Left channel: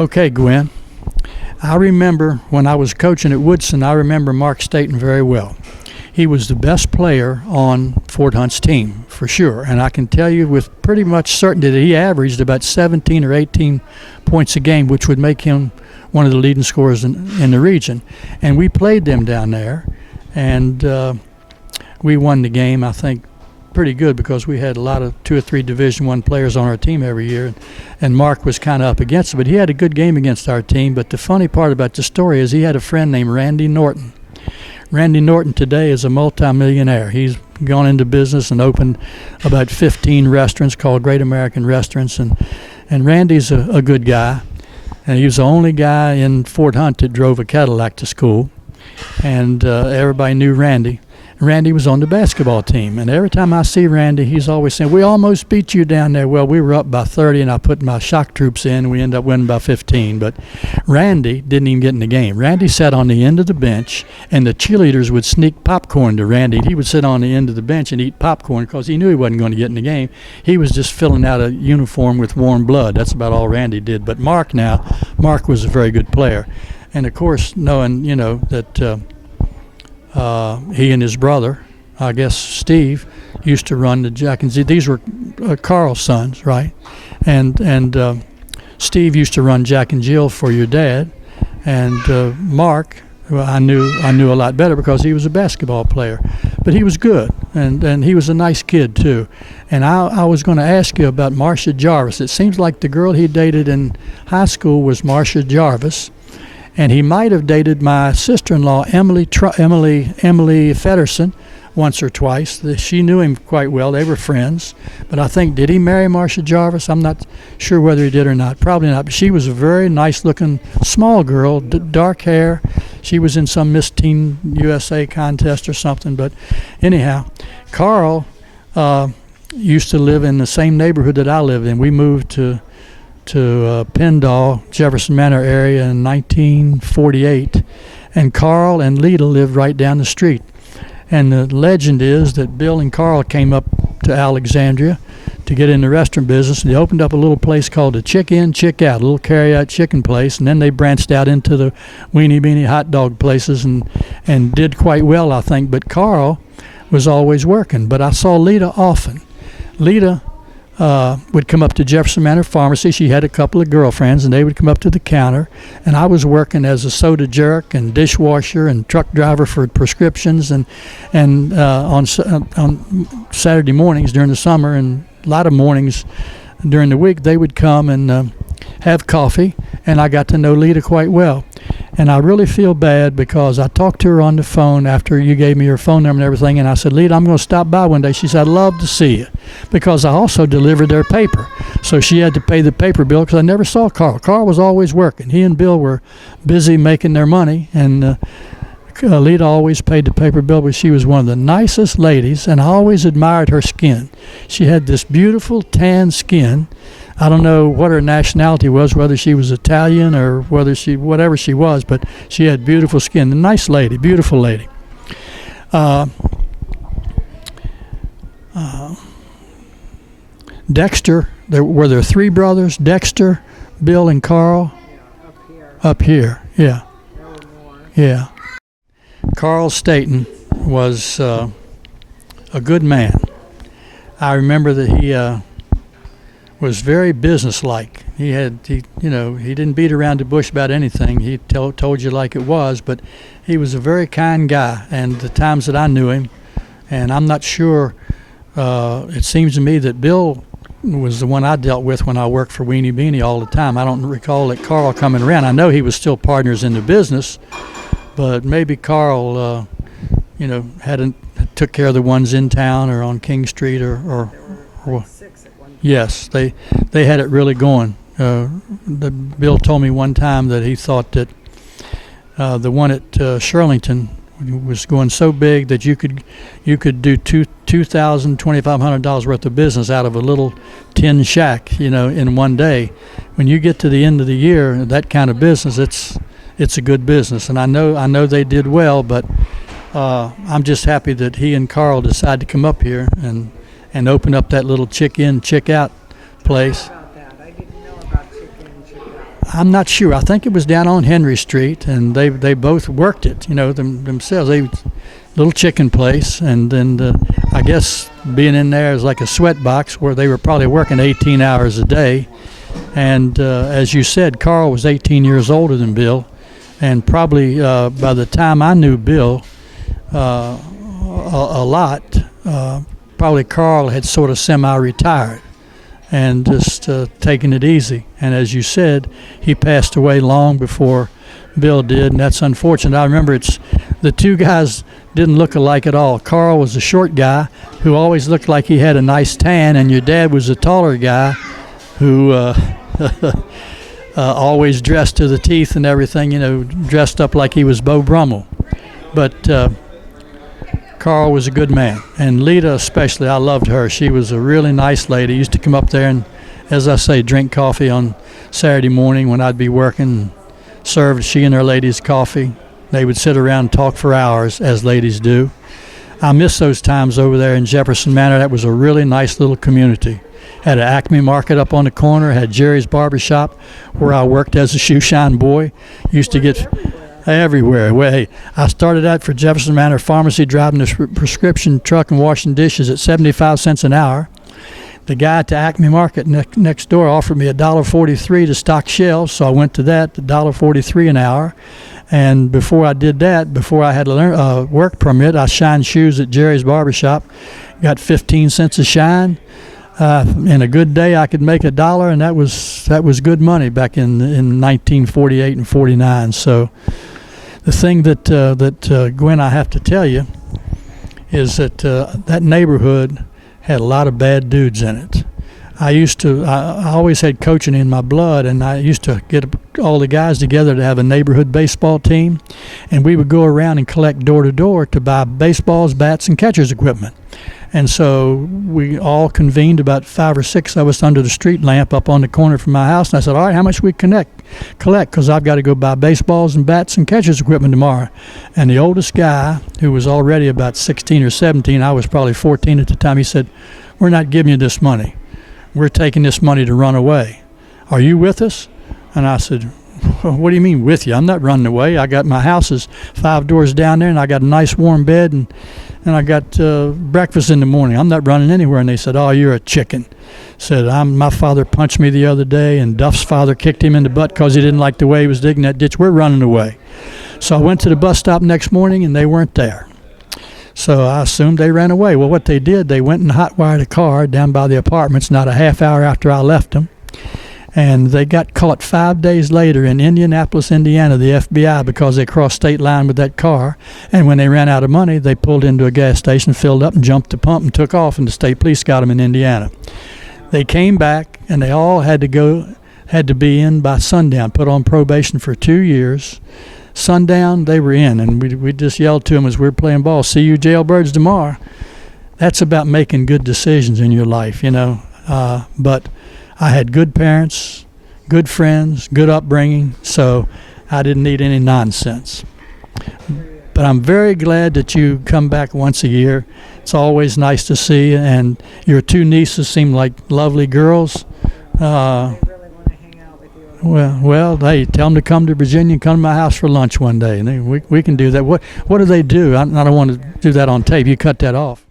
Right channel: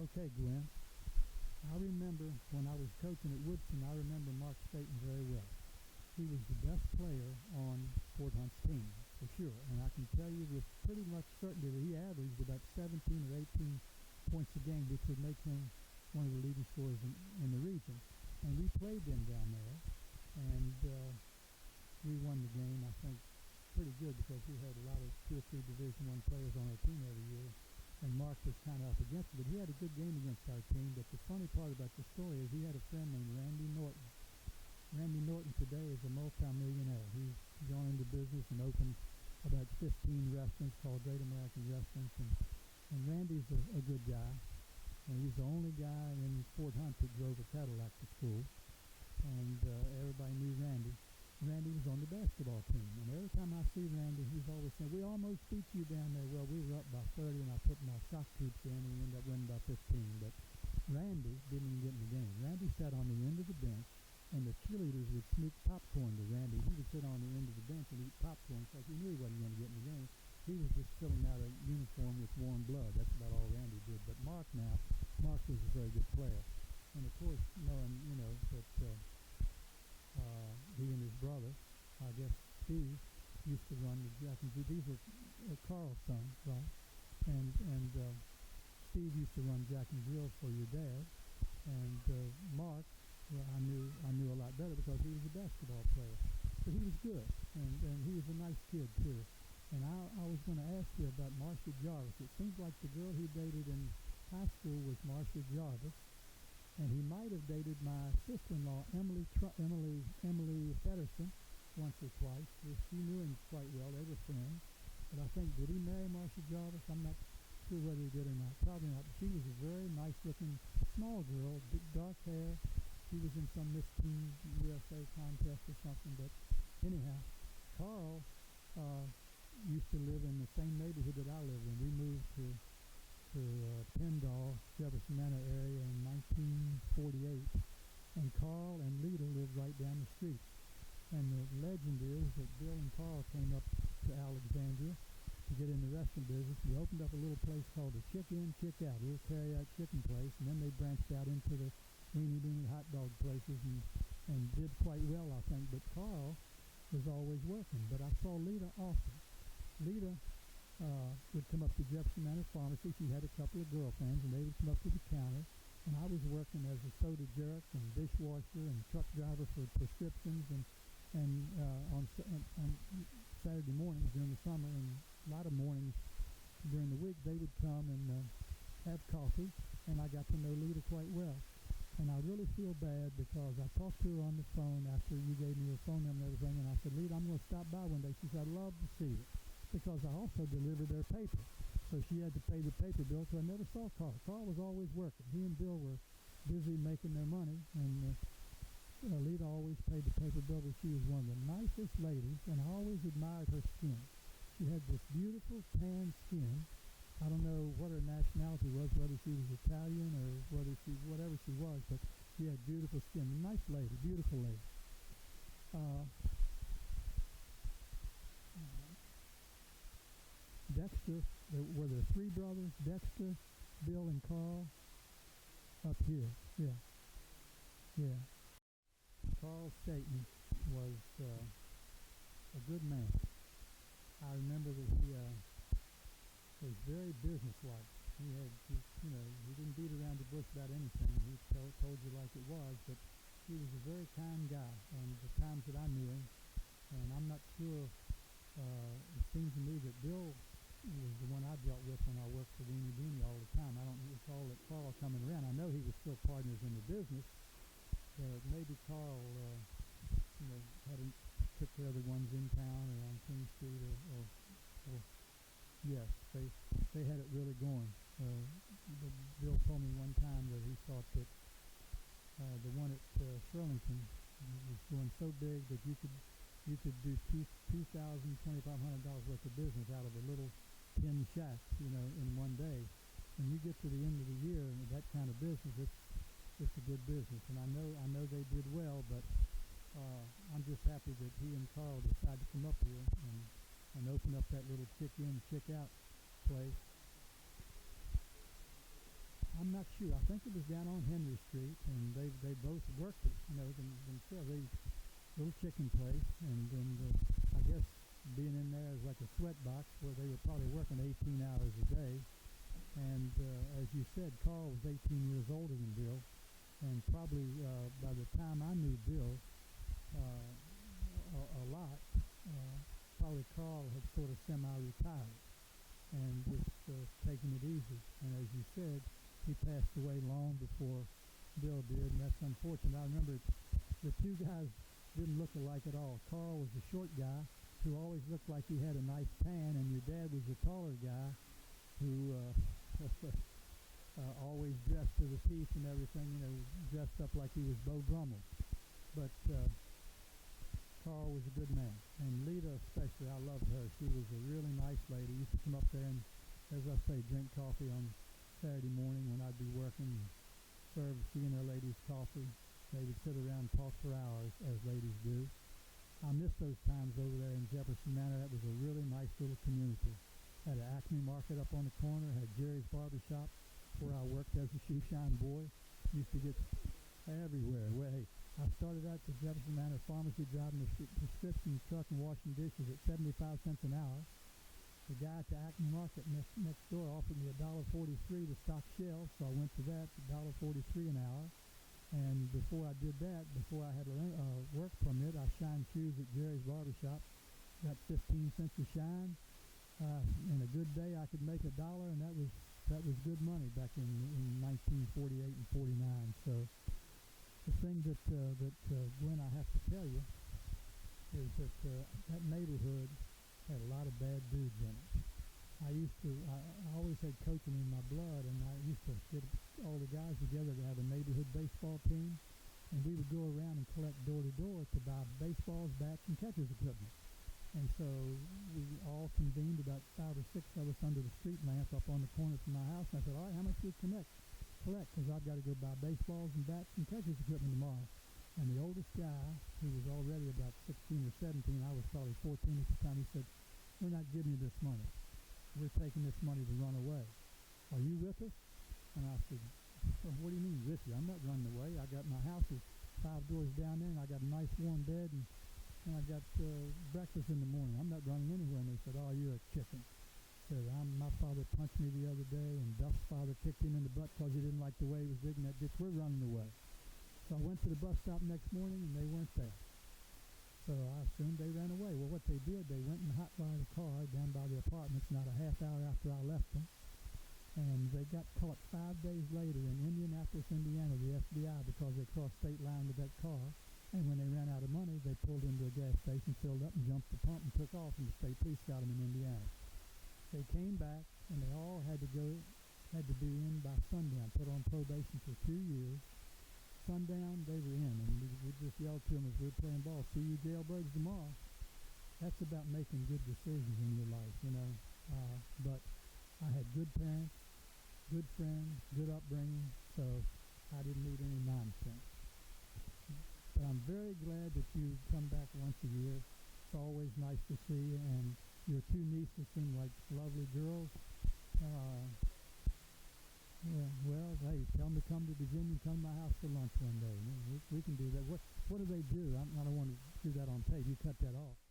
Okay, Gwen. I remember when I was coaching at Woodson, I remember Mark Staton very well. He was the best player on Fort Hunt's team, for sure. And I can tell you with pretty much certainty that he averaged about 17 or 18 points a game, which would make him one of the leading scorers in the region. And we played them down there, and we won the game, I think, pretty good because we had a lot of 2 or 3 Division I players on our team every year, and Mark was kind of up against it. But he had a good game against our team. But the funny part about the story is he had a friend named Randy Norton. Randy Norton today is a multimillionaire. He's gone into business and opened about 15 restaurants called Great American Restaurants, and Randy's a good guy. And he was the only guy in Fort Hunt that drove a Cadillac to school, and everybody knew Randy. Randy was on the basketball team, and every time I see Randy, he's always saying, "We almost beat you down there." Well, we were up by 30, and I put my shock troops in, and we ended up winning by 15. But Randy didn't even get in the game. Randy sat on the end of the bench, and the cheerleaders would sneak popcorn to Randy. He would sit on the end of the bench and eat popcorn because he knew he wasn't going to get in the game. He was just filling out a uniform with warm blood. That's about all Randy did. But Mark was a very good player. And, of course, knowing, that he and his brother, I guess Steve, used to run the Jenkins. These were Carl's sons, right? And Steve used to run Jack and Jill for your dad, and Mark, well, I knew a lot better because he was a basketball player, but he was good, and he was a nice kid too. And I was going to ask you about Marcia Jarvis. It seems like the girl he dated in high school was Marcia Jarvis. And he might have dated my sister-in-law, Emily Fedderson, once or twice. She knew him quite well. They were friends. But I think, did he marry Marcia Jarvis? I'm not sure whether he did or not. Probably not. But she was a very nice-looking small girl, dark hair. She was in some Miss Teen USA contest or something. But anyhow, Carl used to live in the same neighborhood that I lived in. We moved to Pendall, Jefferson Manor area in 1948, and Carl and Lita lived right down the street. And the legend is that Bill and Carl came up to Alexandria to get in the restaurant business, and they opened up a little place called the Chick In, Chick Out, a little carry-out chicken place, and then they branched out into the weenie beanie hot dog places and did quite well, I think. But Carl was always working, but I saw Lita often. Lita would come up to Jefferson Manor Pharmacy. She had a couple of girlfriends, and they would come up to the counter, and I was working as a soda jerk and dishwasher and truck driver for prescriptions, and on Saturday mornings during the summer and a lot of mornings during the week, they would come and have coffee, and I got to know Lita quite well. And I really feel bad because I talked to her on the phone after you gave me your phone number and everything, and I said, "Lita, I'm going to stop by one day." She said, "I'd love to see you," because I also delivered their paper. So she had to pay the paper bill because I never saw Carl. Carl was always working. He and Bill were busy making their money, and Lita always paid the paper bill, but she was one of the nicest ladies, and I always admired her skin. She had this beautiful tan skin. I don't know what her nationality was, whether she was Italian or whatever she was, but she had beautiful skin. A nice lady, beautiful lady. Dexter, were there 3 brothers? Dexter, Bill, and Carl? Yeah, up here, yeah. there were more. Yeah. Carl Staton was a good man. I remember that he was very businesslike. He didn't beat around the bush about anything. He told you like it was, but he was a very kind guy. And the times that I knew him, and I'm not sure, it seems to me that Bill was the one I dealt with when I worked for Weenie Beanie all the time. I don't recall that Carl coming around. I know he was still partners in the business, but maybe Carl, took care of the ones in town or on King Street or 6 at one time. Yes, they had it really going. Bill told me one time that he thought that the one at Shirlington was going so big that you could do $2,500 worth of business out of a little tin shack, in one day. When you get to the end of the year, that kind of business, it's a good business, and I know they did well, but I'm just happy that he and Carl decided to come up here and open up that little chick in, chick out place. About that. I didn't know about chicken and chicken out. I'm not sure. I think it was down on Henry Street, and they both worked it, themselves. They little chicken place, and then I guess being in there is like a sweat box where they were probably working 18 hours a day. And as you said, Carl was 18 years older than Bill, and probably by the time I knew Bill a lot, probably Carl had sort of semi-retired and just taking it easy. And as you said, he passed away long before Bill did, and that's unfortunate. I remember the two guys didn't look alike at all. Carl was a short guy who always looked like he had a nice tan, and your dad was a taller guy who always dressed to the teeth and everything, dressed up like he was Beau Brummel. But Carl was a good man, and Lita especially, I loved her. She was a really nice lady. Used to come up there and, as I say, drink coffee on Saturday morning when I'd be working, served she and her ladies coffee. They would sit around and talk for hours, as ladies do. I miss those times over there in Jefferson Manor. That was a really nice little community. Had an Acme Market up on the corner, had Jerry's Barber Shop where I worked as a shoe shine boy. Used to get everywhere. Well, hey, I started out for Jefferson Manor Pharmacy driving a prescription truck and washing dishes at 75 cents an hour. The guy at the Acme Market next door offered me $1.43 to stock shelves, so I went to that, $1.43 an hour. And before I did that, before I had a work permit, I shined shoes at Jerry's Barber Shop, got 15 cents a shine. In a good day, I could make $1, and that was good money back in 1948 and 49. So the thing that Gwen, I have to tell you, is that that neighborhood had a lot of bad dudes in it. I always had coaching in my blood, and I used to get all the guys together to have a neighborhood baseball team, and we would go around and collect door to door to buy baseballs, bats, and catcher's equipment. And so we all convened, about 5 or 6 of us, under the street lamp up on the corner from my house. And I said, all right, how much we collect? Because I've got to go buy baseballs and bats and catcher's equipment tomorrow. And the oldest guy, who was already about 16 or 17, I was probably 14 at the time, he said, we're not giving you this money. We're taking this money to run away. Are you with us? And I said, what do you mean with you? I'm not running away. I got my house is 5 doors down there, and I got a nice warm bed, and I got breakfast in the morning. I'm not running anywhere. And they said, oh, you're a chicken. Said, my father punched me the other day, and Duff's father kicked him in the butt because he didn't like the way he was digging that ditch. We're running away. So I went to the bus stop next morning, and they weren't there. So I assumed they ran away. Well, what they did, they went and hot-wired a car down by the apartments not a half hour after I left them. And they got caught 5 days later in Indianapolis, Indiana, the FBI, because they crossed state line with that car. And when they ran out of money, they pulled into a gas station, filled up, and jumped the pump and took off, and the state police got them in Indiana. They came back, and they all had to be in by sundown, put on probation for 2 years. Sundown, they were in, and we just yelled to them as we were playing ball, see you jailbirds tomorrow. That's about making good decisions in your life, but I had good parents, good friends, good upbringing, so I didn't need any nonsense. But I'm very glad that you come back once a year. It's always nice to see you, and your 2 nieces seem like lovely girls. They really want to hang out with you. Well, hey, tell them to come to Virginia and come to my house for lunch one day, and we can do that. What do they do? I don't want to do that on tape. You cut that off.